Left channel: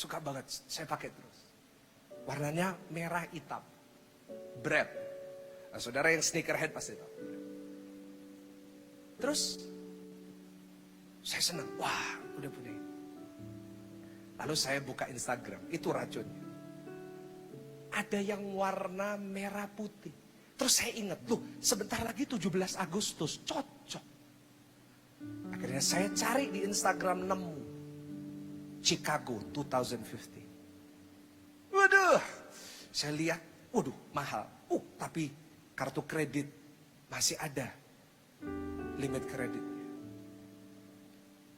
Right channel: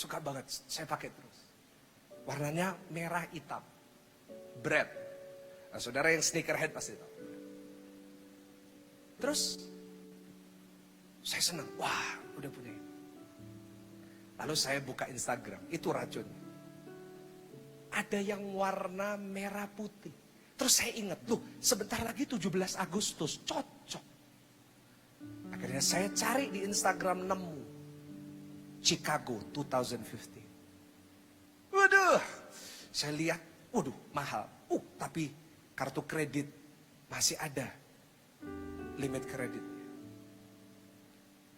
suka banget, saya pakai terus. Warnanya merah hitam. Bread. Nah, saudara yang sneakerhead pasti tahu. Terus saya senang, wah udah punya. Lalu saya buka Instagram, itu racunnya. Ada yang warna merah putih. Terus saya ingat, loh sebentar lagi 17 Agustus, cocok. Akhirnya saya cari di Instagram, nemu Chicago 2050. Waduh, saya lihat, waduh mahal. Tapi kartu kredit masih ada limit kredit.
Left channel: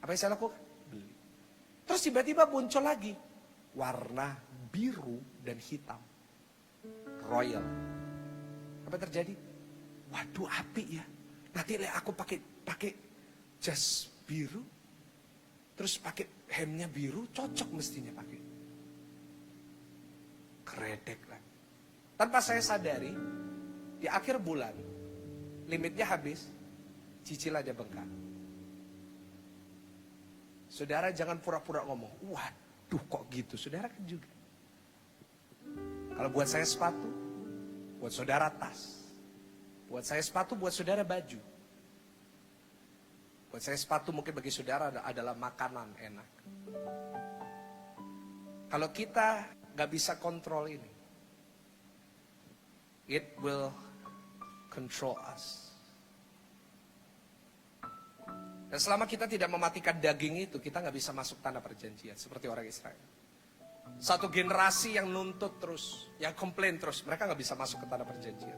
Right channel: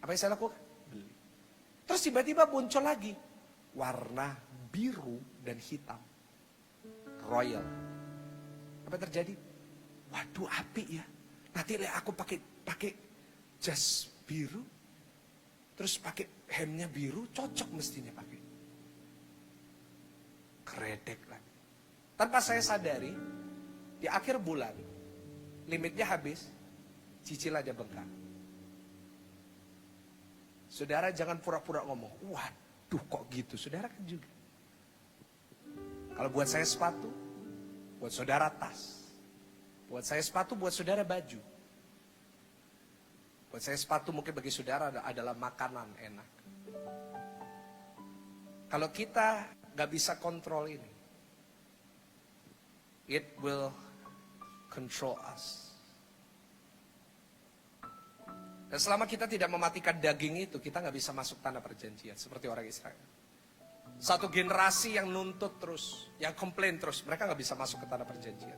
Apa yang saya lakukan? Terus tiba-tiba muncul lagi warna biru dan hitam, royal. Apa yang terjadi? Waduh, api ya. Nanti aku pakai jas biru, terus pakai handnya biru, cocok mestinya pakai. Kredek lagi. Tanpa saya sadari, di akhir bulan limitnya habis, cicilannya bengkak. Saudara jangan pura-pura ngomong, waduh kok gitu, saudara kan juga. Kalau buat saya sepatu, buat saudara tas. Buat saya sepatu, buat saudara baju. Buat saya sepatu mungkin bagi saudara adalah makanan enak. Kalau kita gak bisa kontrol ini, it will control us. Dan selama kita tidak mematikan daging itu, kita gak bisa masuk tanah perjanjian seperti orang Israel. Satu generasi yang nuntut terus, yang komplain terus, mereka gak bisa masuk ke tanah perjanjian.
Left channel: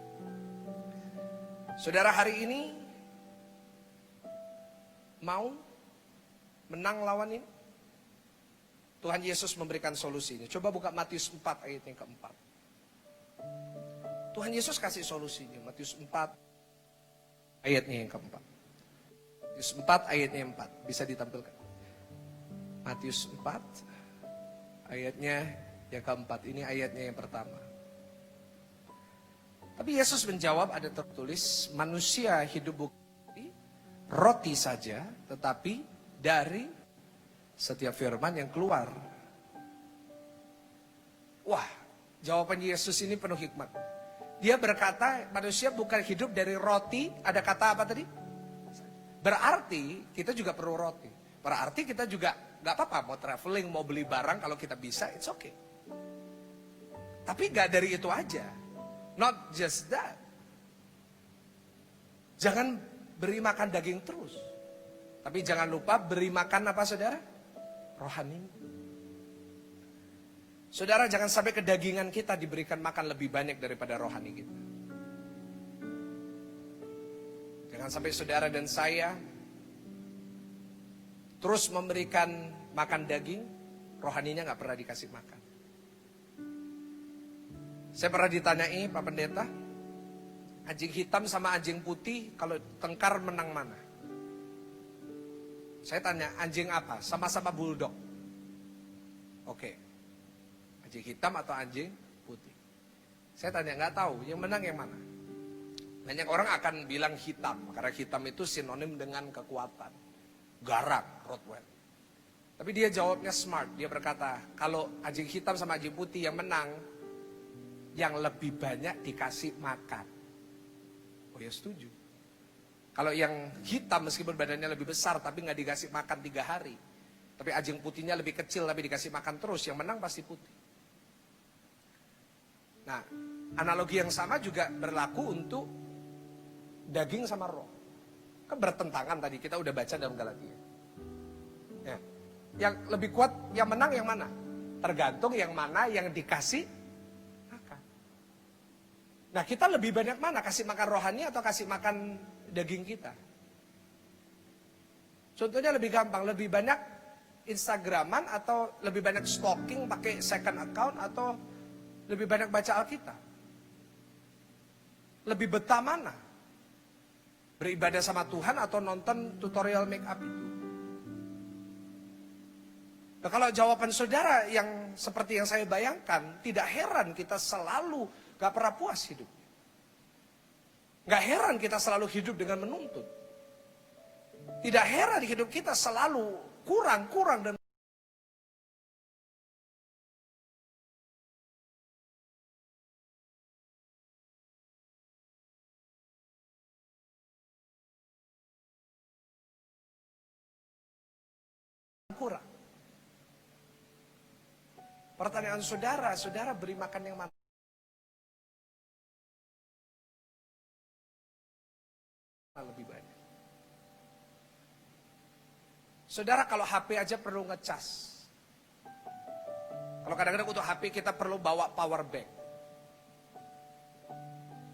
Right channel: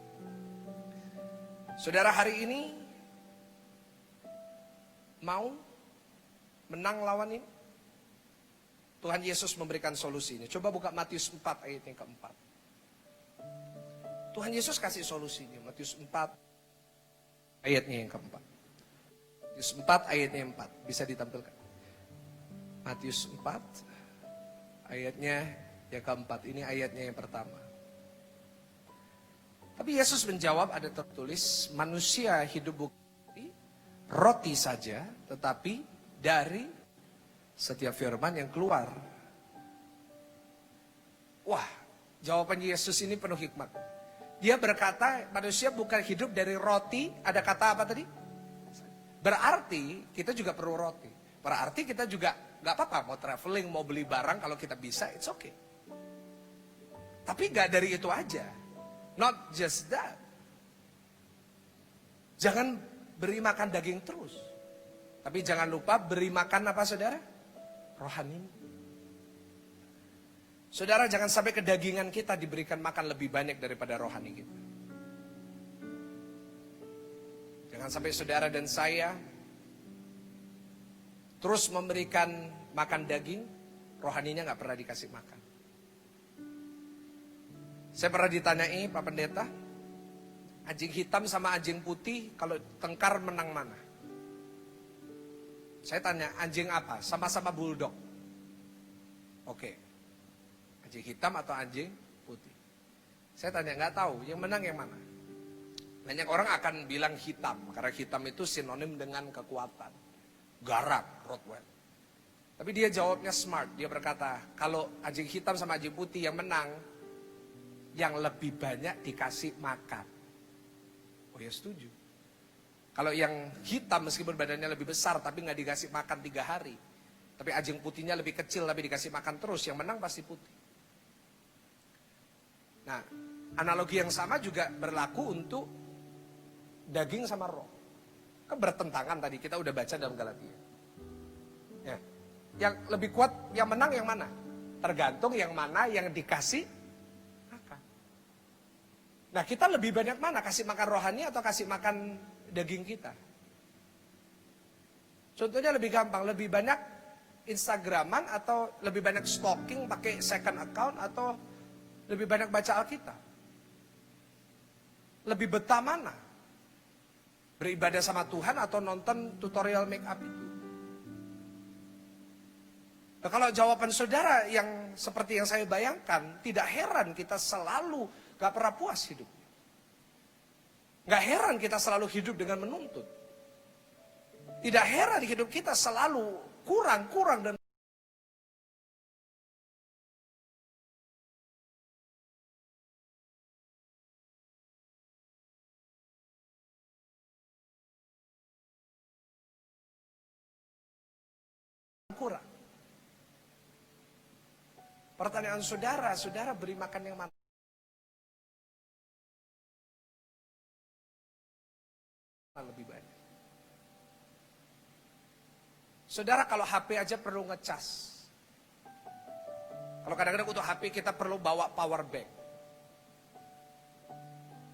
Saudara hari ini mau menang lawan ini? Tuhan Yesus memberikan solusinya. Coba buka Matius 4 ayat yang keempat. Tuhan Yesus kasih solusinya. Matius 4 ayatnya yang keempat. Matius 4 ayatnya yang 4. Bisa ditampilkan. Matius 4 ayatnya yang keempat. Ini ayatnya yang pertama. Tapi Yesus menjawab, ada tertulis, manusia hidup bukan roti saja, tetapi dari setiap firman yang keluar. Wah, jawaban Yesus ini penuh hikmat. Dia berkata, manusia bukan hidup dari roti, ada kata apa tadi? Berarti kita juga perlu roti. Berarti kita juga gak apa-apa mau traveling, mau beli barang, kalau kita bisa, it's okay. Tapi gak dari itu aja. Not just that. Jangan beri makan daging terus. Tapi jangan lupa beri makan apa saudara? Rohani. Saudara jangan sampai kedagingan kita diberikan makan lebih banyak daripada rohani kita. Jangan sampai saudara dan saya terus memberikan makan daging, rohaninya gak pernah dikasih makan. Saya pernah ditanyai Pak Pendeta, anjing hitam sama anjing putih kalau tengkar menang mana? Saya tanya, anjing apa? Sama-sama bulldog. Oke. Anjing hitam atau anjing putih? Saya tanya, nggak tahu, yang menang yang mana? Banyak orang akan bilang hitam, karena hitam itu sinonim dengan kekuatan. Garang, Rottweiler. Tapi dia jawabnya smart, dia berkata, kalau anjing hitam sama anjing putih yang menang, yang lebih banyak dikasih makan. Oh ya setuju. Kalau yang hitam meskipun badannya lebih besar tapi nggak dikasih makan 3 hari. Tapi anjing putihnya lebih kecil tapi dikasih makan terus, yang menang pasti putih. Nah, analogi yang sama juga berlaku untuk daging sama roh. Kan bertentangan tadi, kita udah baca dalam Galatia. Ya. Yang lebih kuat, yang menang yang mana? Tergantung yang mana yang dikasih. Nah kita lebih banyak mana? Kasih makan rohani atau kasih makan daging kita? Contohnya lebih gampang, lebih banyak Instagraman atau lebih banyak stalking pakai second account atau lebih banyak baca Alkitab? Lebih betah mana? Beribadah sama Tuhan atau nonton tutorial make up itu? Nah kalau jawaban saudara yang seperti yang saya bayangkan, tidak heran kita selalu gak pernah puas hidup. Gak heran kita selalu hidup dengan menuntut. Tidak heran hidup kita selalu kurang dan Pertanyaan saudara, saudara beri makan yang mana? Lebih banyak. Saudara kalau HP aja perlu ngecas. Kalau kadang-kadang untuk HP kita perlu bawa power bank.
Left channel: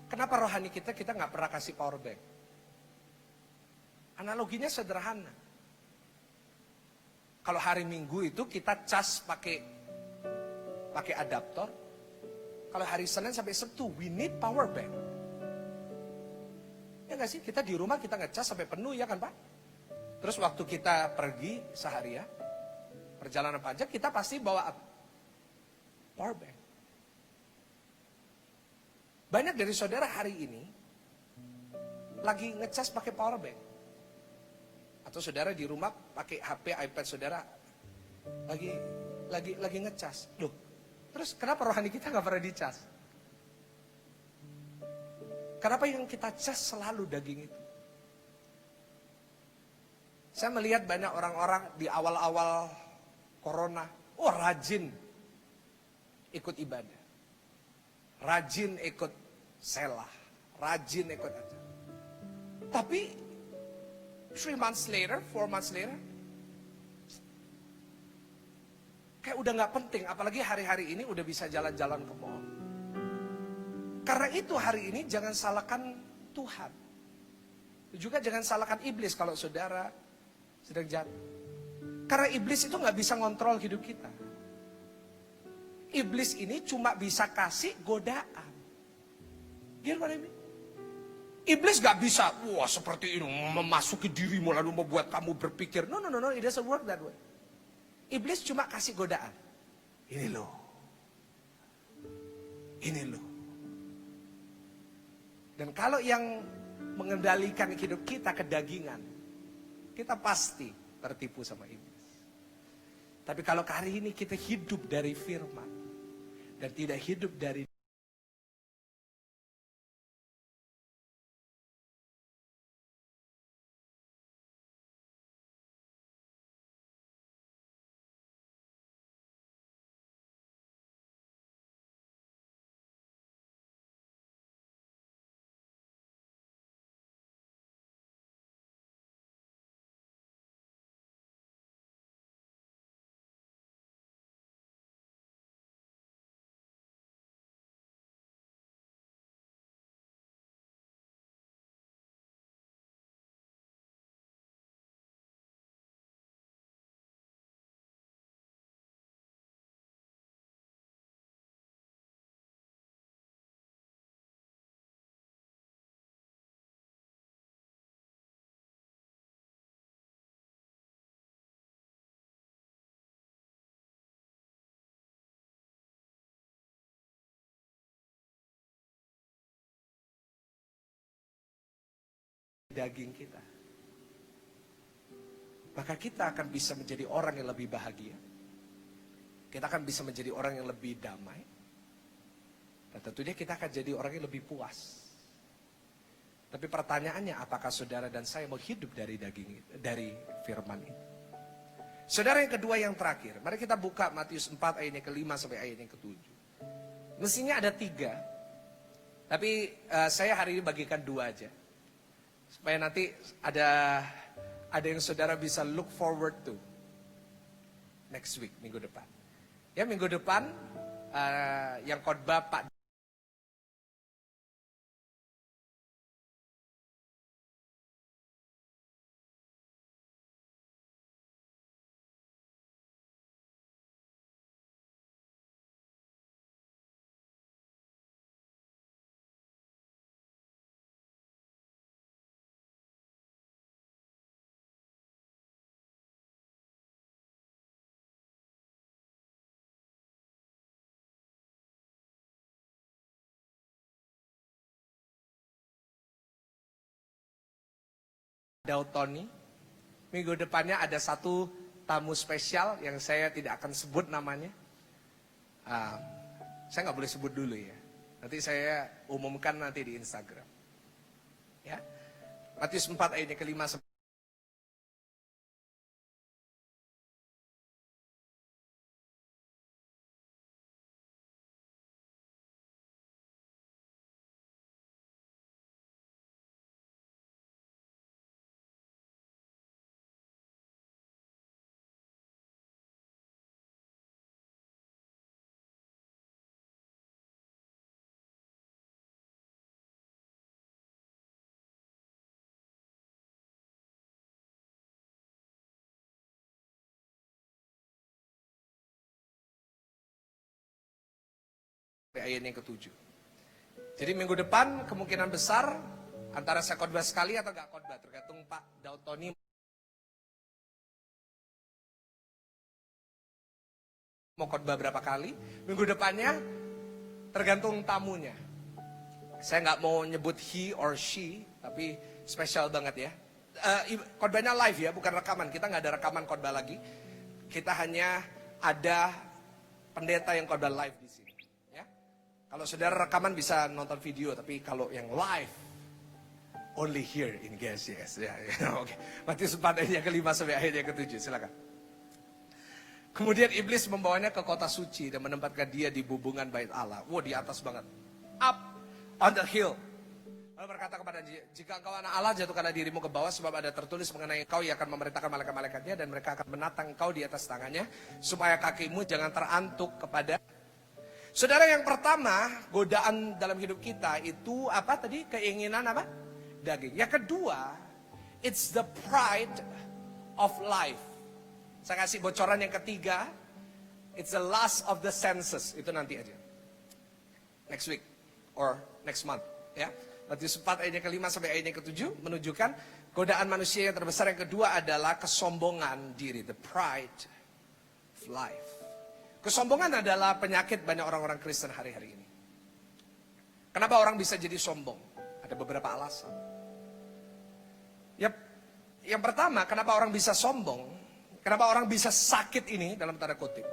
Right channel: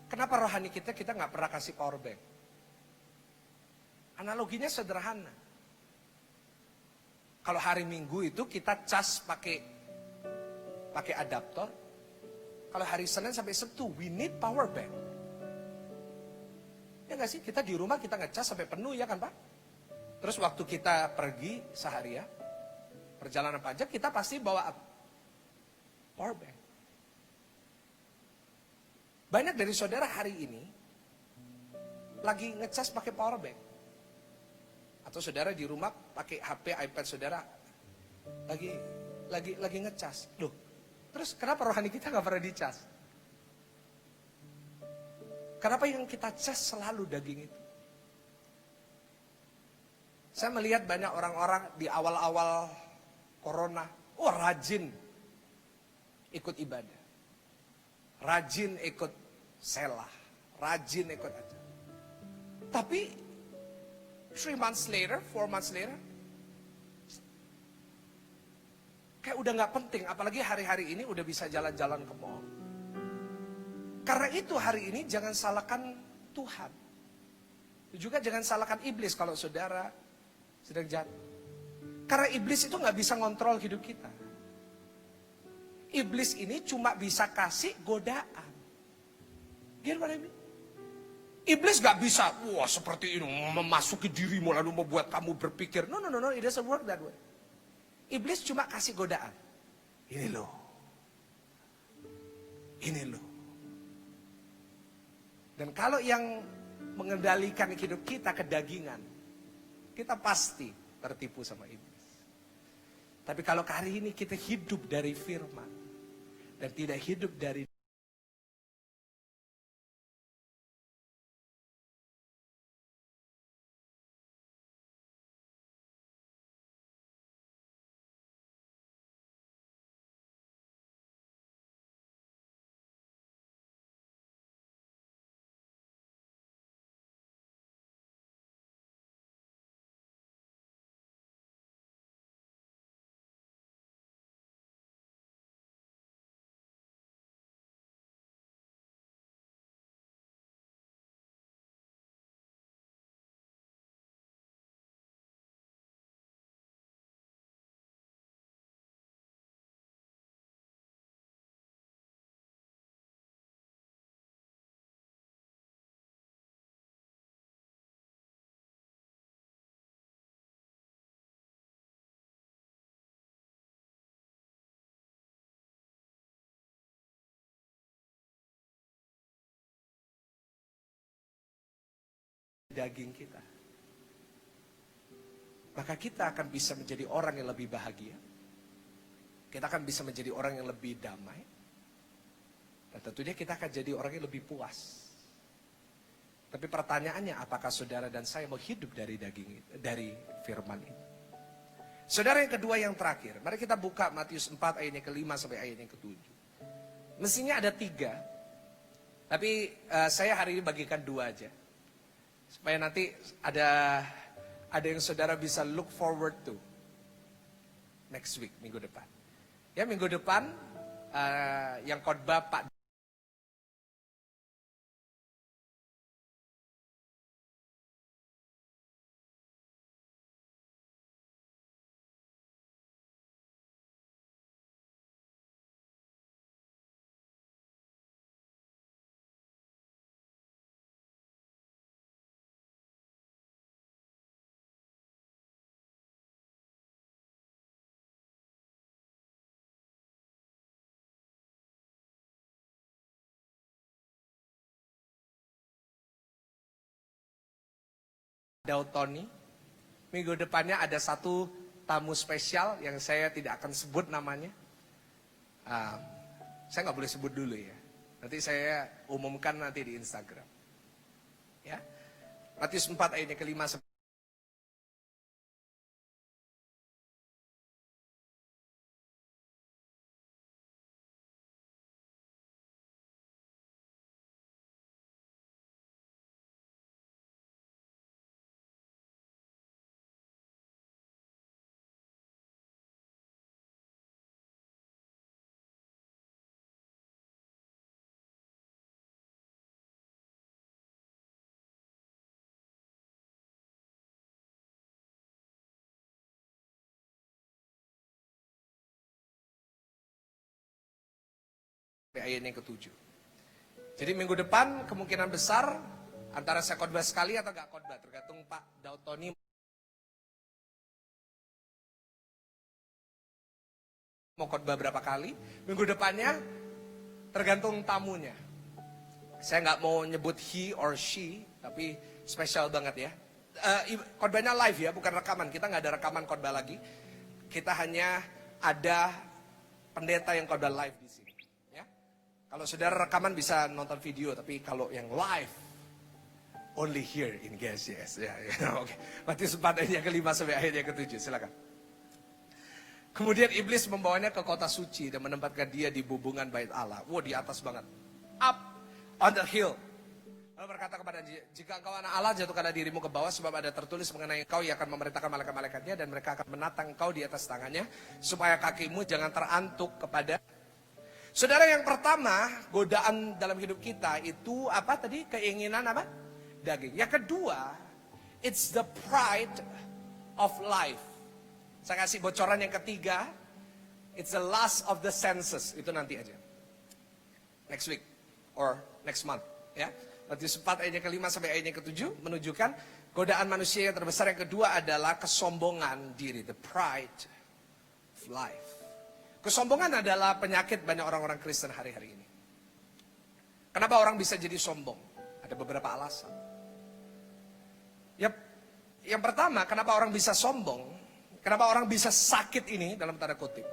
Kenapa rohani kita nggak pernah kasih power bank? Analoginya sederhana. Kalau hari Minggu itu kita cas pakai adaptor. Kalau hari Senin sampai Sabtu, we need power bank. Ya nggak sih? Kita di rumah kita ngecas sampai penuh ya kan Pak? Terus waktu kita pergi seharian, perjalanan panjang, kita pasti bawa power bank. Banyak dari saudara hari ini lagi ngecas pakai power bank. Atau saudara di rumah pakai HP, iPad saudara lagi ngecas. Loh, terus kenapa rohani kita nggak pernah dicas? Kenapa yang kita cas selalu daging itu? Saya melihat banyak orang-orang di awal-awal corona, rajin ikut ibadah. Rajin ikut selah, rajin ikut acara. Tapi 3 months later, 4 months later, kayak udah gak penting, apalagi hari-hari ini udah bisa jalan-jalan ke mall. Karena itu hari ini jangan salahkan Tuhan. Juga jangan salahkan iblis kalau saudara sedang jatuh. Karena iblis itu gak bisa ngontrol hidup kita. Iblis ini cuma bisa kasih godaan. Gimana ini? Iblis gak bisa, seperti ini, memasuki dirimu lalu membuat kamu berpikir. No, it doesn't work that way. Iblis cuma kasih godaan. Ini loh. Ini loh. Dan kalau yang mengendalikan hidup kita kedagingan, kita pasti tertipu sama iblis. Tapi kalau hari ini kita hidup dari firman, dan tidak hidup dari daging kita, maka kita akan bisa menjadi orang yang lebih bahagia. Kita akan bisa menjadi orang yang lebih damai. Dan tentunya kita akan jadi orang yang lebih puas. Tapi pertanyaannya, apakah saudara dan saya mau hidup dari daging itu, dari firman itu? Saudara, yang kedua, yang terakhir, mari kita buka Matius 4 ayatnya ke-5 sampai ayatnya ke-7. Mestinya ada 3, tapi saya hari ini bagikan 2 aja. Supaya nanti ada yang saudara bisa look forward to next week, minggu depan. Ya, minggu depan yang khotbah Pak Dautoni. Minggu depannya ada satu tamu spesial yang saya tidak akan sebut namanya. Saya nggak boleh sebut dulu ya. Nanti saya umumkan nanti di Instagram. Ya, Matius 4 ayatnya ke-5. ayat yang ke-7. Jadi minggu depan kemungkinan besar antara saya khotbah sekali atau gak khotbah, tergantung Pak Daud Tony mau khotbah berapa kali. Minggu depannya tergantung tamunya. Saya nggak mau nyebut he or she, tapi spesial banget ya. Khotbahnya live ya, bukan rekaman. Kita nggak ada rekaman khotbah lagi. Kita hanya ada pendeta yang khotbah live di sini. Ya. Kalau saudara rekaman bisa nonton video, tapi kalau yang live only here in GSCS. Ya. Oke. Matius 4 ayat yang ke-5 sampai ayat yang ke-7. Silakan. Kemudian iblis membawanya ke kota suci dan menempatkan dia di bubungan bait Allah. Wow, di atas banget. Up on the hill. Lalu berkata kepada dia, jika engkau anak Allah, jatuhkanlah dirimu ke bawah, sebab ada tertulis mengenai engkau, ia akan memerintahkan malaikat-malaikatnya, dan mereka akan menatang engkau di atas tangannya, supaya kakimu jangan terantuk kepada. Saudara, yang pertama, godaan dalam hidup kita itu apa tadi? Keinginan apa? Daging. Yang kedua, it's the pride of life. Saya kasih bocoran yang ketiga, it's the lust of the senses. Itu nanti aja. Next week or next month, ya. Matius 4 ayat yang ke-5 sampai ayat yang ke-7 menunjukkan godaan manusia yang terbesar. Yang kedua adalah kesombongan diri, the pride of life. Kesombongan adalah penyakit banyak orang-orang Kristen hari-hari ini. Kenapa orang bisa jadi sombong? Ada beberapa alasan. Yap. Yang pertama, kenapa orang bisa sombong? Kenapa orang bisa sakit ini dalam tanda kutip?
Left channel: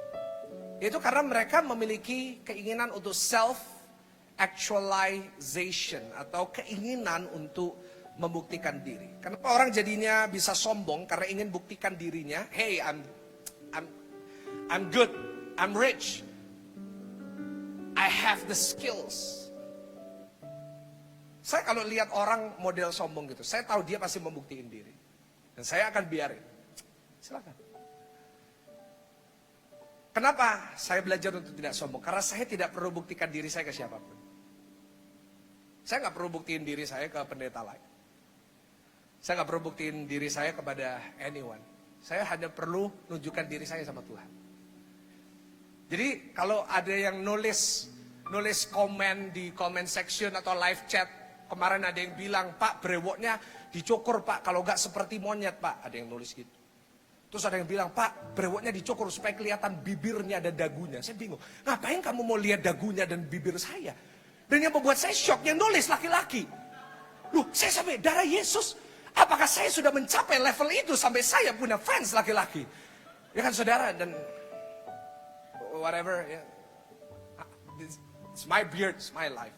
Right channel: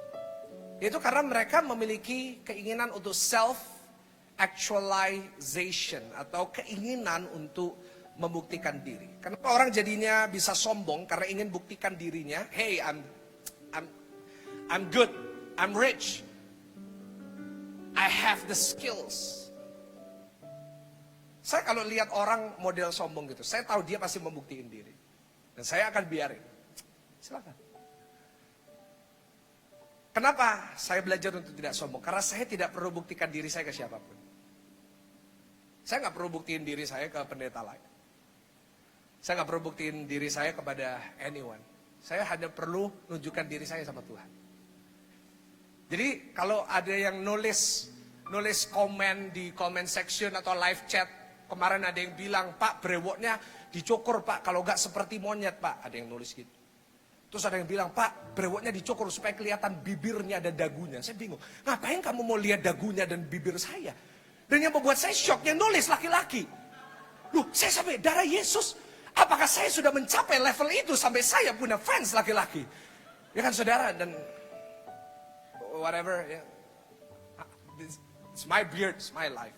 Itu karena mereka memiliki keinginan untuk self-actualization atau keinginan untuk membuktikan diri. Kenapa orang jadinya bisa sombong? Karena ingin buktikan dirinya. Hey, I'm good, I'm rich, I have the skills. Saya kalau lihat orang model sombong gitu, saya tahu dia pasti membuktikan diri, dan saya akan biarin. Silakan. Kenapa saya belajar untuk tidak sombong? Karena saya tidak perlu buktikan diri saya ke siapapun. Saya nggak perlu buktiin diri saya ke pendeta lain. Saya nggak perlu buktiin diri saya kepada anyone. Saya hanya perlu nunjukkan diri saya sama Tuhan. Jadi kalau ada yang nulis komen di comment section atau live chat, kemarin ada yang bilang, Pak brewoknya dicukur Pak, kalau nggak seperti monyet Pak. Ada yang nulis gitu. Terus ada yang bilang, Pak, brewoknya dicukur supaya kelihatan bibirnya dan dagunya. Saya bingung, ngapain kamu mau lihat dagunya dan bibir saya? Dan yang membuat saya shock, yang nulis laki-laki. Loh, saya sampai darah Yesus. Apakah saya sudah mencapai level itu sampai saya punya fans laki-laki? Ya kan saudara, dan whatever. Ya. It's my beard, it's my life.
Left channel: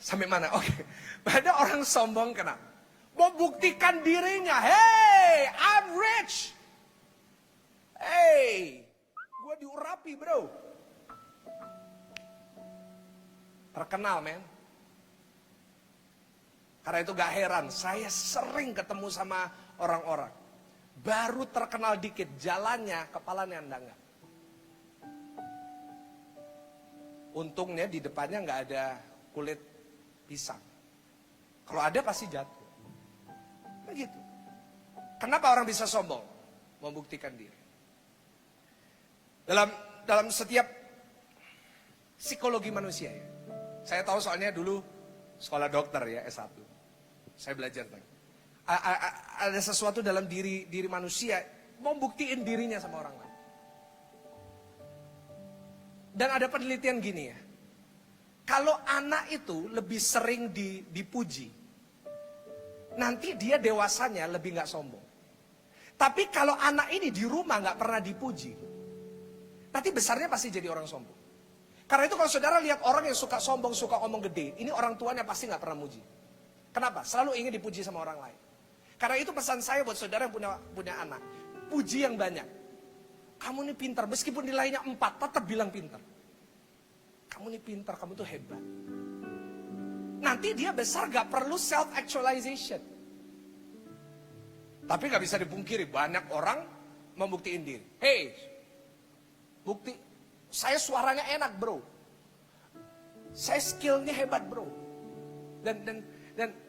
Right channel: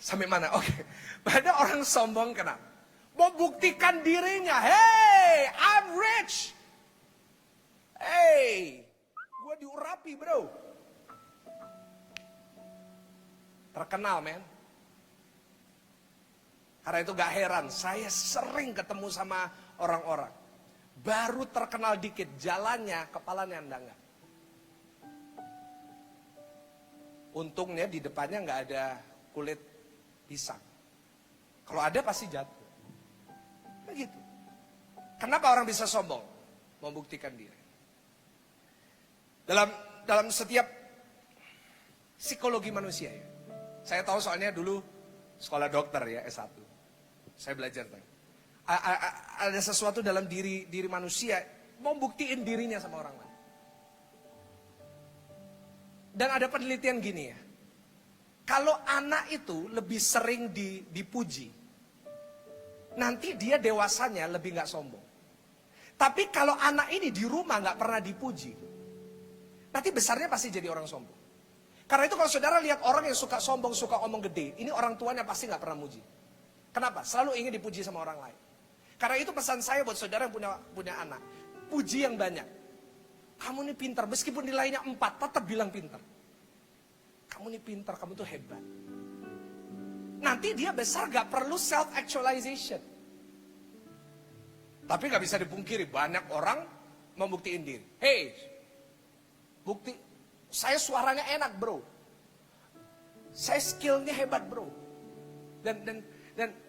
Sampai mana? Oke. Ada orang sombong kenapa? Mau buktikan dirinya. Hey, I'm rich. Hey, gue diurapi bro. Terkenal men. Karena itu gak heran, saya sering ketemu sama orang-orang. Baru terkenal dikit, jalannya kepalanya enggak. Untungnya di depannya gak ada kulit pisang. Kalau ada pasti jatuh. Begitu. Kenapa orang bisa sombong? Membuktikan diri. Dalam setiap psikologi manusia ya. Saya tahu soalnya dulu sekolah dokter ya, S1. Saya belajar tadi. Ada sesuatu dalam diri manusia mau buktiin dirinya sama orang lain. Dan ada penelitian gini ya. Kalau anak itu lebih sering dipuji, nanti dia dewasanya lebih gak sombong. Tapi kalau anak ini di rumah gak pernah dipuji, nanti besarnya pasti jadi orang sombong. Karena itu kalau saudara lihat orang yang suka sombong, suka omong gede, ini orang tuanya pasti gak pernah muji. Kenapa? Selalu ingin dipuji sama orang lain. Karena itu pesan saya buat saudara yang punya anak. Puji yang banyak. Kamu ini pintar, meskipun nilainya 4, tetap bilang pintar. Kamu ini pintar, kamu tuh hebat. Nanti dia besar gak perlu self-actualization. Tapi gak bisa dipungkiri, banyak orang membuktiin diri. Hey, bukti, saya suaranya enak bro. Saya skillnya hebat bro. Dan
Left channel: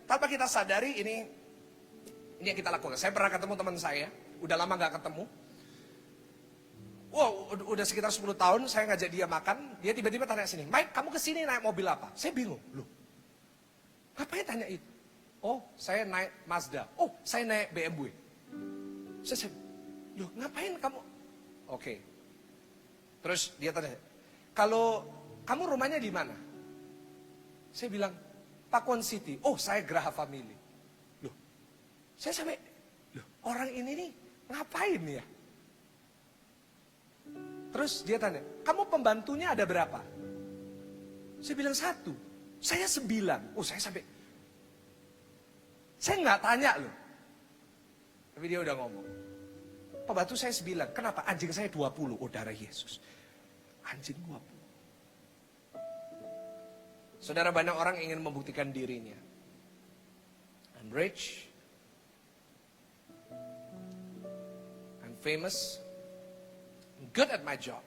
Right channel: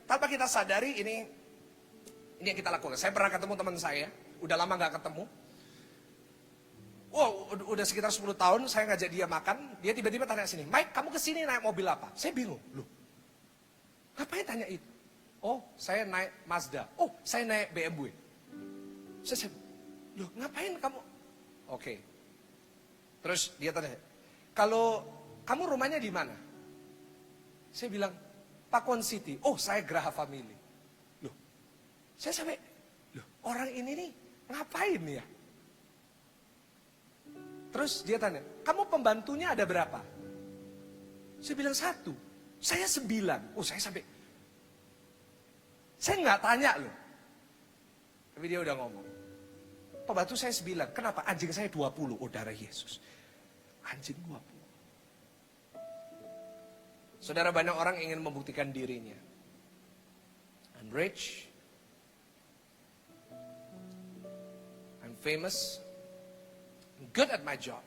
tanpa kita sadari ini yang kita lakukan. Saya pernah ketemu teman saya, udah lama gak ketemu. Wow, udah sekitar 10 tahun saya ngajak dia makan, dia tiba-tiba tanya sini, Mike, kamu kesini naik mobil apa? Saya bingung, loh, ngapain tanya itu? Oh, saya naik Mazda. Oh, saya naik BMW. Saya, loh, ngapain kamu? Oke. Terus dia tanya, kalau kamu rumahnya di mana? Saya bilang, Pakuan City. Oh, saya Geraha Family. Loh, saya sampai, loh, orang ini nih ngapain ya? Terus dia tanya, kamu pembantunya ada berapa? Saya bilang 1. Saya 9. Oh, saya sampai, saya nggak tanya loh. Tapi dia udah ngomong. Pembantu saya 9. Kenapa? Anjing saya 20. Oh, darah Yesus. Anjing 20. Saudara, banyak orang ingin membuktikan dirinya. I'm rich. I'm famous. I'm good at my job.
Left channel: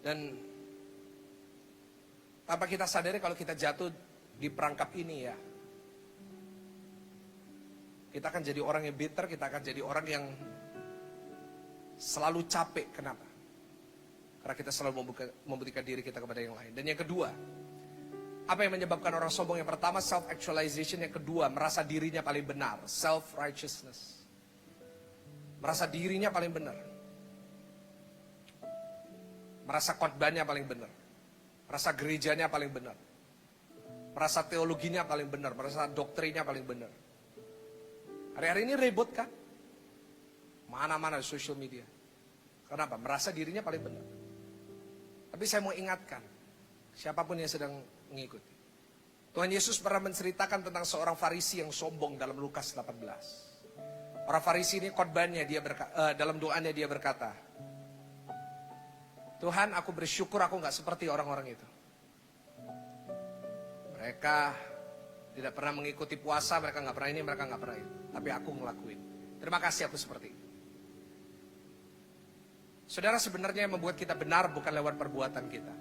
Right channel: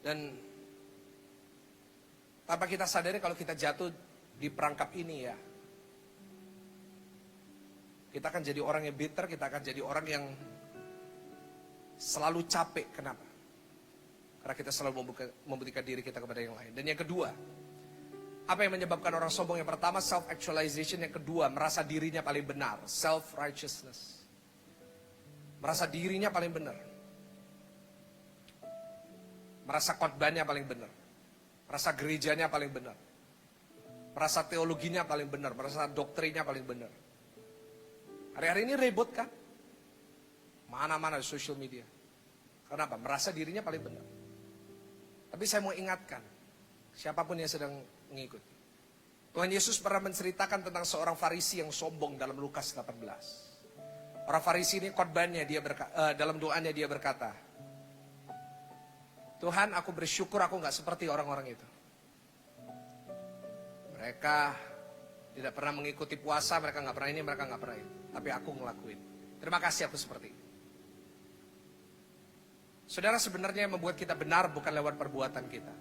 Dan tanpa kita sadari kalau kita jatuh di perangkap ini ya, kita akan jadi orang yang bitter, kita akan jadi orang yang selalu capek. Kenapa? Karena kita selalu membuktikan diri kita kepada yang lain. Dan yang kedua, apa yang menyebabkan orang sombong? Yang pertama, self-actualization. Yang kedua, merasa dirinya paling benar. Self-righteousness. Merasa dirinya paling benar. Merasa khotbahnya paling benar. Merasa gerejanya paling benar. Merasa teologinya paling benar. Merasa doktrinnya paling benar. Hari-hari ini ribut kan? Mana-mana di social media. Kenapa? Merasa dirinya paling benar. Tapi saya mau ingatkan, siapapun yang sedang mengikuti. Tuhan Yesus pernah menceritakan tentang seorang Farisi yang sombong dalam Lukas 18. Orang Farisi ini khotbahnya dalam doanya dia berkata, Tuhan, aku bersyukur aku gak seperti orang-orang itu. Mereka tidak pernah mengikuti puasa, mereka gak pernah ini, mereka gak pernah itu. Tapi aku ngelakuin. Terima kasih aku seperti itu. Saudara, sebenarnya yang membuat kita benar bukan lewat perbuatan kita.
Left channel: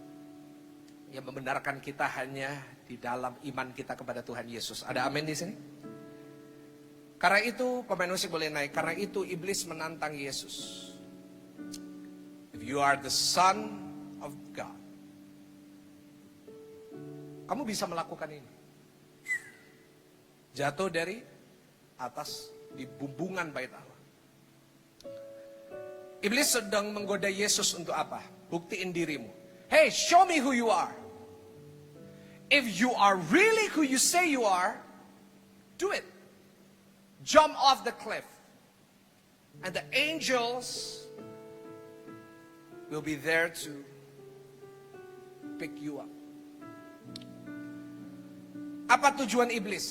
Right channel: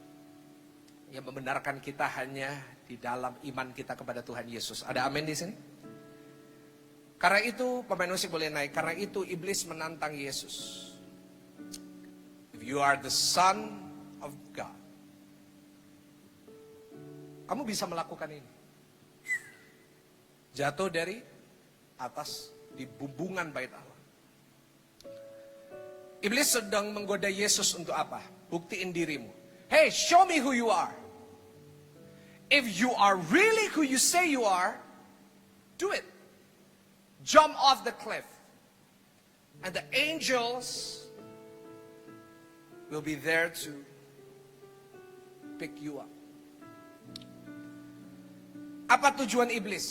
Yang membenarkan kita hanya di dalam iman kita kepada Tuhan Yesus. Ada amin di sini? Karena itu, pemain musik boleh naik. Karena itu, iblis menantang Yesus. If you are the Son of God, kamu bisa melakukan ini. Jatuh dari atas di bumbungan bait Allah. Iblis sedang menggoda Yesus untuk apa? Buktiin dirimu. Hey, show me who you are. If you are really who you say you are, do it. Jump off the cliff. And the angels will be there to pick you up. Apa tujuan iblis?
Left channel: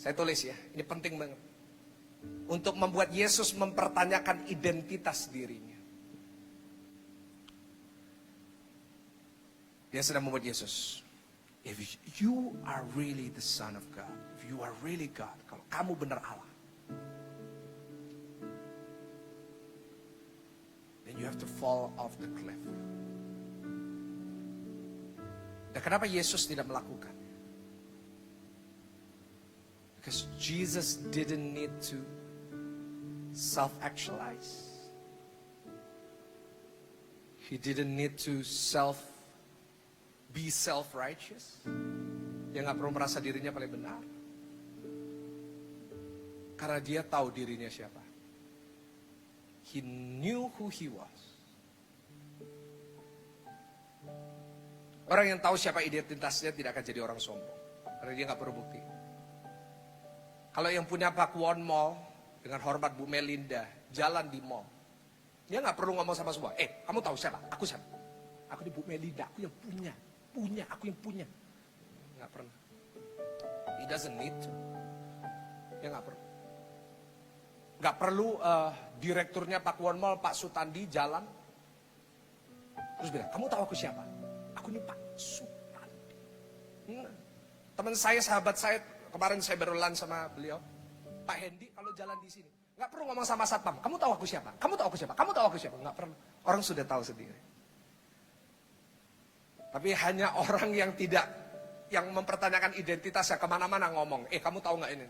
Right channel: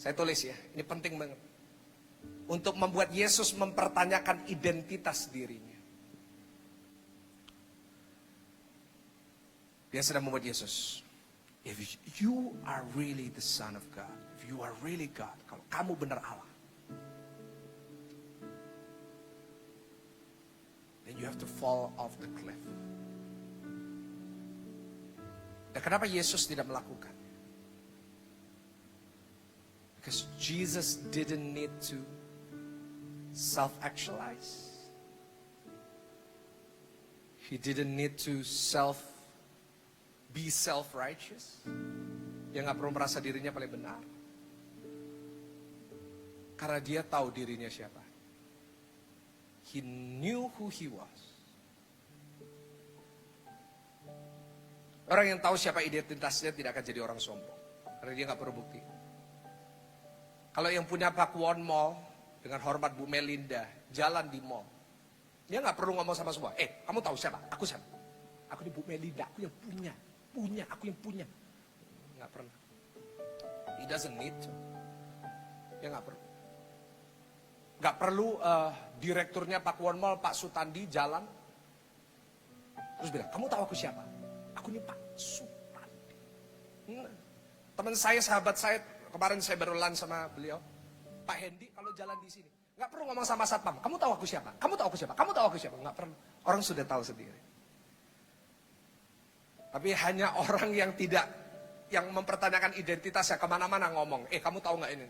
Saya tulis ya, ini penting banget. Untuk membuat Yesus mempertanyakan identitas dirinya. Dia sedang membuat Yesus, if you are really the Son of God, if you are really God, kalau kamu benar Allah, then you have to fall off the cliff. Dan kenapa Yesus tidak melakukan? Because Jesus didn't need to self-actualize. He didn't need to be self-righteous. Dia gak perlu merasa dirinya paling benar. Karena dia tahu dirinya siapa. He knew who he was. Orang yang tahu siapa identitasnya tidak akan jadi orang sombong. Karena dia gak perlu bukti. Kalau yang punya Pakuan Mall, dengan hormat Bu Melinda, jalan di mall. Dia gak perlu ngomong sama semua. Kamu tahu siapa? Aku siapa? Aku di Bu Melinda, aku yang punya. Aku yang punya. Gak pernah. He doesn't need to. Dia gak perlu. Gak perlu direkturnya Pakuan Mall, Pak Sutandi jalan. Terus bilang, kamu tahu aku siapa? Aku ini Pak Sutandi. Teman saya, sahabat saya, kemarin saya baru lunch sama beliau. Pak Hendy kalau jalan di sini, nggak perlu ngomong sama satpam. Kamu tahu aku siapa? Kamu tahu aku siapa? Kamu tahu aku siapa? Nggak perlu. Orang sudah tahu sendiri. Tapi hanya orang yang tidak, yang mempertanyakan identitasnya kemana-mana ngomong. Kamu tahu nggak ini?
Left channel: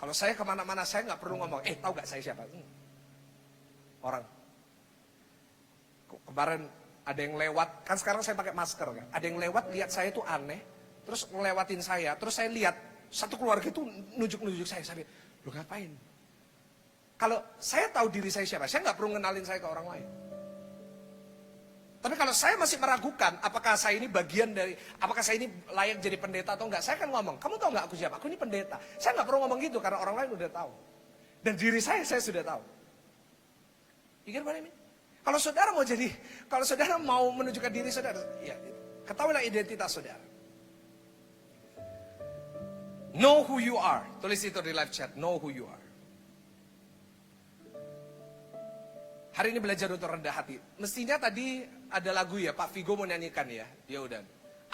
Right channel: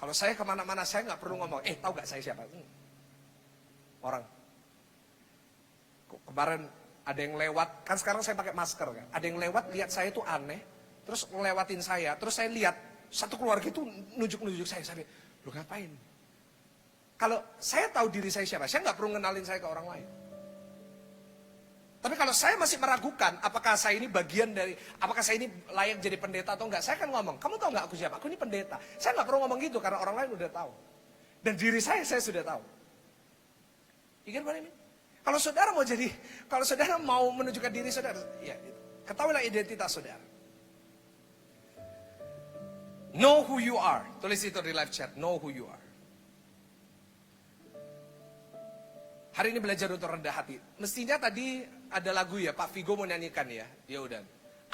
Kalau saya kemana-mana saya nggak perlu ngomong, tahu gak saya siapa? Orang. Kemarin ada yang lewat, kan sekarang saya pakai masker kan. Ada yang lewat lihat saya itu aneh, terus ngelewatin saya, terus saya lihat satu keluarga itu nunjuk-nunjuk saya. Saya lihat, lu ngapain? Kalau saya tahu diri saya siapa, saya nggak perlu ngenalin saya ke orang lain. Tapi kalau saya masih meragukan, apakah saya ini bagian dari, apakah saya ini layak jadi pendeta atau enggak, saya kan ngomong, kamu tahu nggak aku siapa? Aku ini pendeta. Saya nggak perlu ngomong gitu karena orang lain udah tahu. Dan diri saya sudah tahu. Pikir mana ini? Kalau saudara mau jadi, kalau saudara mau menunjukkan diri saudara, ya ketahuilah identitas saudara. Know who you are. Tulis itu di live chat, know who you are. Hari ini belajar untuk rendah hati. Mestinya tadi ada lagu ya, Pak Vigo mau nyanyikan ya. Ya udah.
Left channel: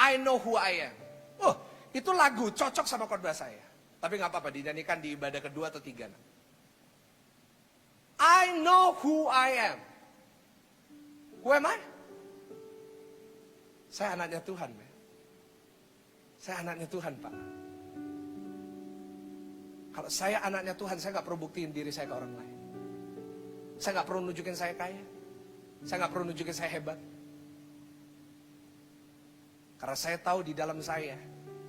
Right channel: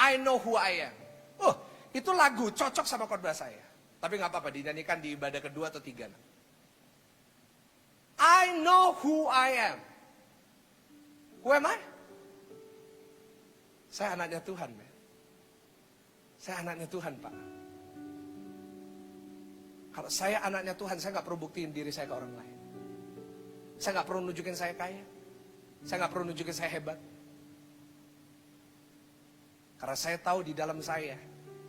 I know who I am. Oh, itu lagu cocok sama khotbah saya. Tapi nggak apa-apa, dinyanyikan di ibadah kedua atau tiga. I know who I am. Who am I? Saya anaknya Tuhan. Man. Saya anaknya Tuhan, Pak. Kalau saya anaknya Tuhan, saya nggak perlu buktiin diri saya ke orang lain. Saya nggak perlu nunjukin saya kaya. Saya nggak perlu nunjukin saya hebat. Karena saya tahu di dalam saya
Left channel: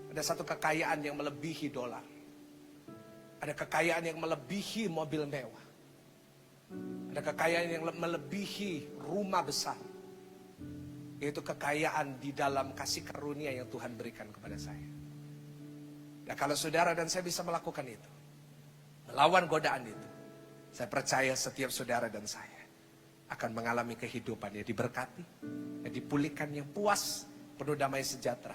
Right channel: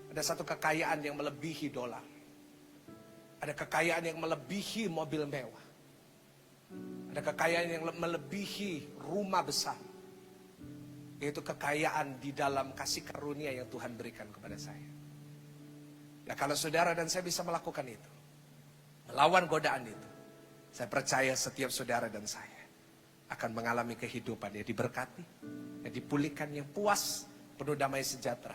ada satu kekayaan yang melebihi dolar. Ada kekayaan yang melebihi mobil mewah. Ada kekayaan yang melebihi rumah besar. Yaitu kekayaan di dalam kasih karunia yang Tuhan berikan kepada saya. Nah kalau saudara dan saya bisa melakukan itu, melawan godaan itu, saya percaya setiap saudara dan saya akan mengalami kehidupan yang diberkati, yang dipulihkan, yang puas, penuh damai sejahtera.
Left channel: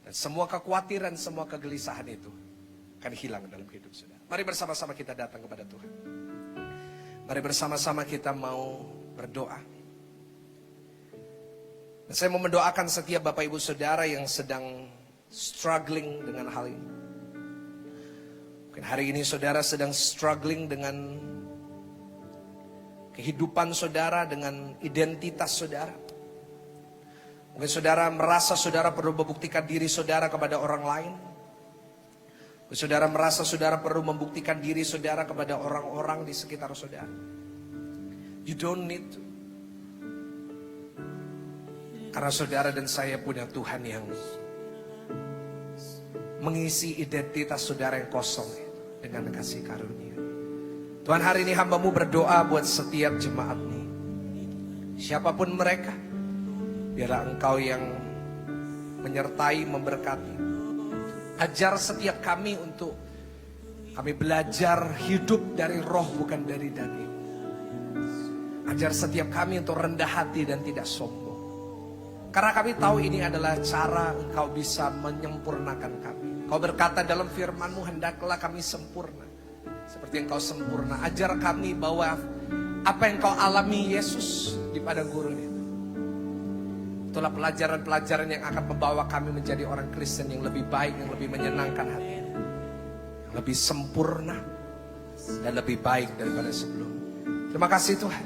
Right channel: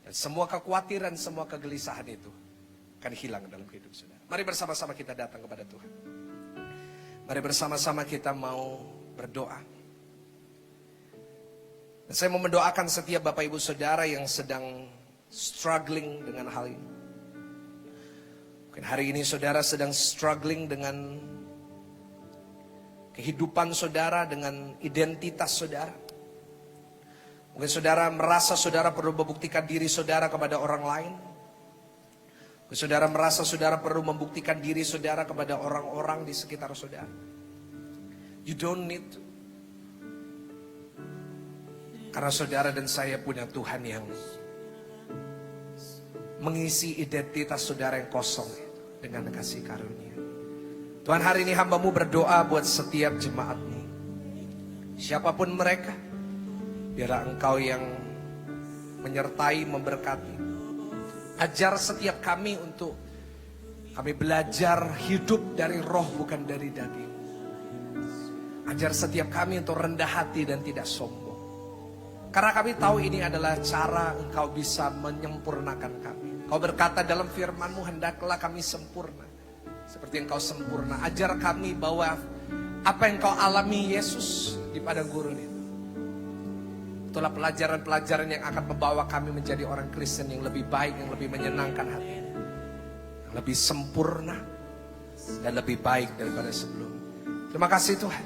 Dan semua kekhawatiran, semua kegelisahan itu akan hilang dalam hidup saudara. Mari bersama-sama kita datang kepada Tuhan. Mari bersama-sama kita mau berdoa. Dan saya mau mendoakan setiap Bapak Ibu Saudara yang sedang struggling dengan hal ini. Mungkin hari ini saudara sedang struggling dengan kehidupan saudara, dengan identitas saudara. Mungkin saudara merasa saudara perlu membuktikan diri saudara kepada orang lain. Mungkin saudara merasa saudara perlu membuktikan diri saudara kepada orang-orang di sekitar saudara. You don't need to. Karena saudara dan saya punya Tuhan yang mengisi identitas saudara yang kosong dengan kasih karunia. Tuhan, hari ini hamba-Mu berdoa buat setiap jemaat-Mu. Siapapun mereka, biarlah Engkau yang menyertai, memberkati. Ajar setiap kami untuk kami belajar hidup dari roh bukan dari daging. Ajar setiap kami untuk rendah hati dan tidak sombong. Karena kami tahu ini adalah cara Engkau bisa menyempurnakan kami. Kau berkata dalam firman-Mu, hendaklah kami sempurna seperti Engkau sempurna. Ajar kami bahwa apa yang Kau alami Yesus di padang gurun itu, itulah pelajaran-pelajaran yang akan membawa kami menjadi orang Kristen yang lebih baik, yang lebih menyenangkan hati, yang lebih sempurna dan lebih baik daripada sebelumnya. Terima kasih Tuhan,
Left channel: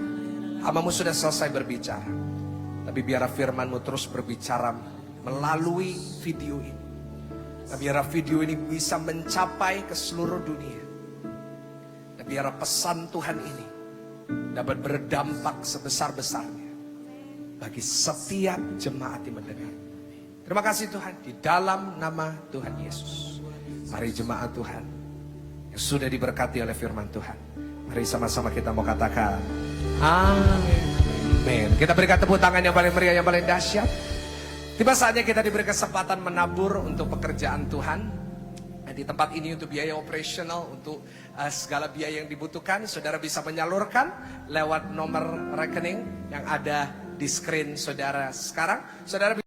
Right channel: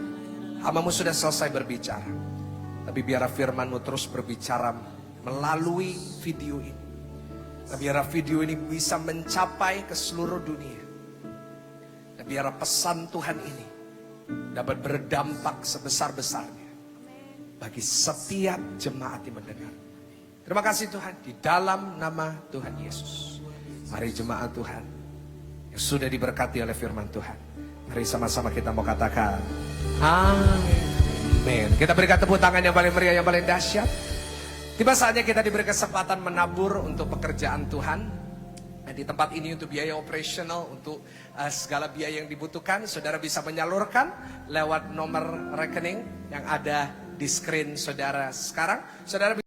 hamba-Mu sudah selesai berbicara, tapi biarlah firman-Mu terus berbicara melalui video ini. Dan biarlah video ini bisa mencapai ke seluruh dunia. Dan biarlah pesan Tuhan ini dapat berdampak sebesar-besarnya bagi setiap jemaat yang mendengar. Terima kasih Tuhan, di dalam nama Tuhan Yesus. Mari jemaat Tuhan yang sudah diberkati oleh firman Tuhan, mari sama-sama kita mau katakan amin. Kita berikan tepuk tangan yang paling meriah, yang paling dahsyat. Tiba saatnya kita diberi kesempatan menabur untuk pekerjaan Tuhan. Nah, di tempat ini untuk biaya operasional, untuk segala biaya yang dibutuhkan, saudara bisa menyalurkan lewat nomor rekening yang ada di screen saudara sekarang. Saudara